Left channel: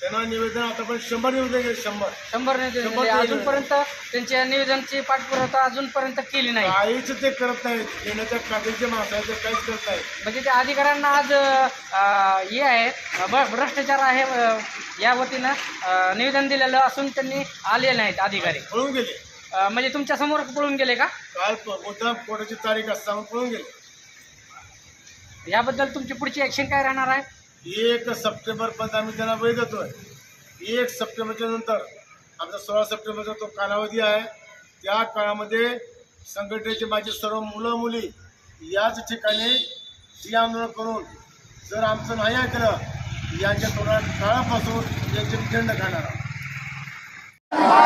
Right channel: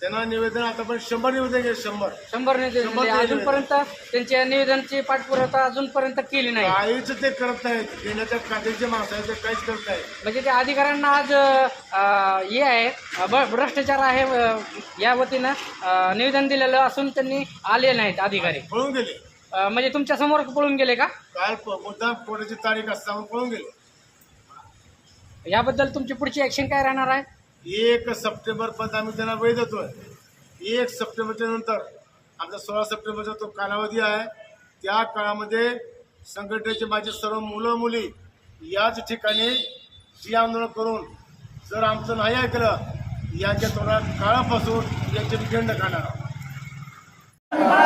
त्यांना निवेदन आता पण शंभर निवेदन शंभर शंभर निवेदन अजूनपर्यंत त्यांच्या निवेदनची पाठपुरावा अजूनपर्यंत केली नाही काहीच ते करत नाहीत येण्याच्या कादेशी माणसाचं काहीच करत आहेत म्हणजे त्या अधिकाऱ्यांना आज हे आहे भ्रष्टाचार आहे या, या वतीनं निवेदन दिलेलं असून त्यांनी आले नाहीत अधिकारी पळून गेले म्हणजे तुमच्या समोर पळून गेले का काय कोणाची तारीख असताना पळून गेले याबद्दल तुमची पुढची ऍक्शन काय राहणार आहे एक सप्टेंबरपर्यंत आम्ही त्यांना वेळ देतो आहे एक सप्टेंबरच्या नंतर आमचा सोळा सप्टेंबरचा तो कालावधी आहे त्या काळामध्ये संघटनेचे माझे सर्व मुलं मुली याच ठिकाणी जी आंदोलन करून जर आमचं नाही ऐकलं यांच्या तोंडात काळापासून यांचे निदंड खाणार आहोत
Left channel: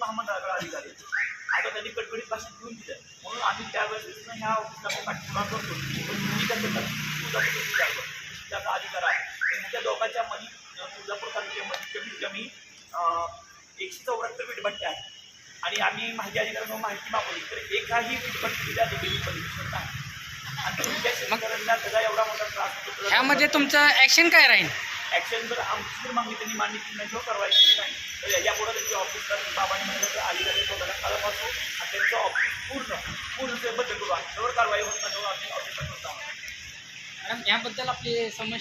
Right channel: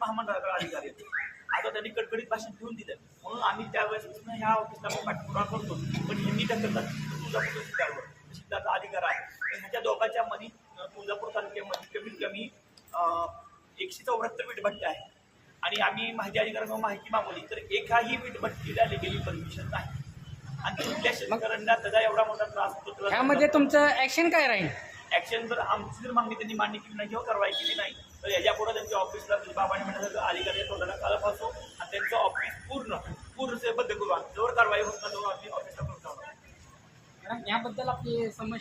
महामंडळाचा तुळजापूर तालुक्यामध्ये कमीत कमी एकशे चौऱ्याहत्तर वीट आहेत आणि आम्ही माहिती अधिकारा माहिती मागवली तर एकाही वीटभट्टीला दिलेली तुमच्या करण्या सगळ्या एवढा मोठा त्रास होतो त्यामध्ये तुमचं ऍक्शन काय राहील ऐक्शन जर हा मुस्लिम मांगे मान्य की नहीं कारवाई की नहीं तो यहाँ ऑफिस बाबा ने मतलब आई जाए तो घटकालम आसो ऑफिस पूर्ण पूर्ण से बद्ध करो जो कारवाई होता जो आप ऑफिस मैडम यहाँ बदल आप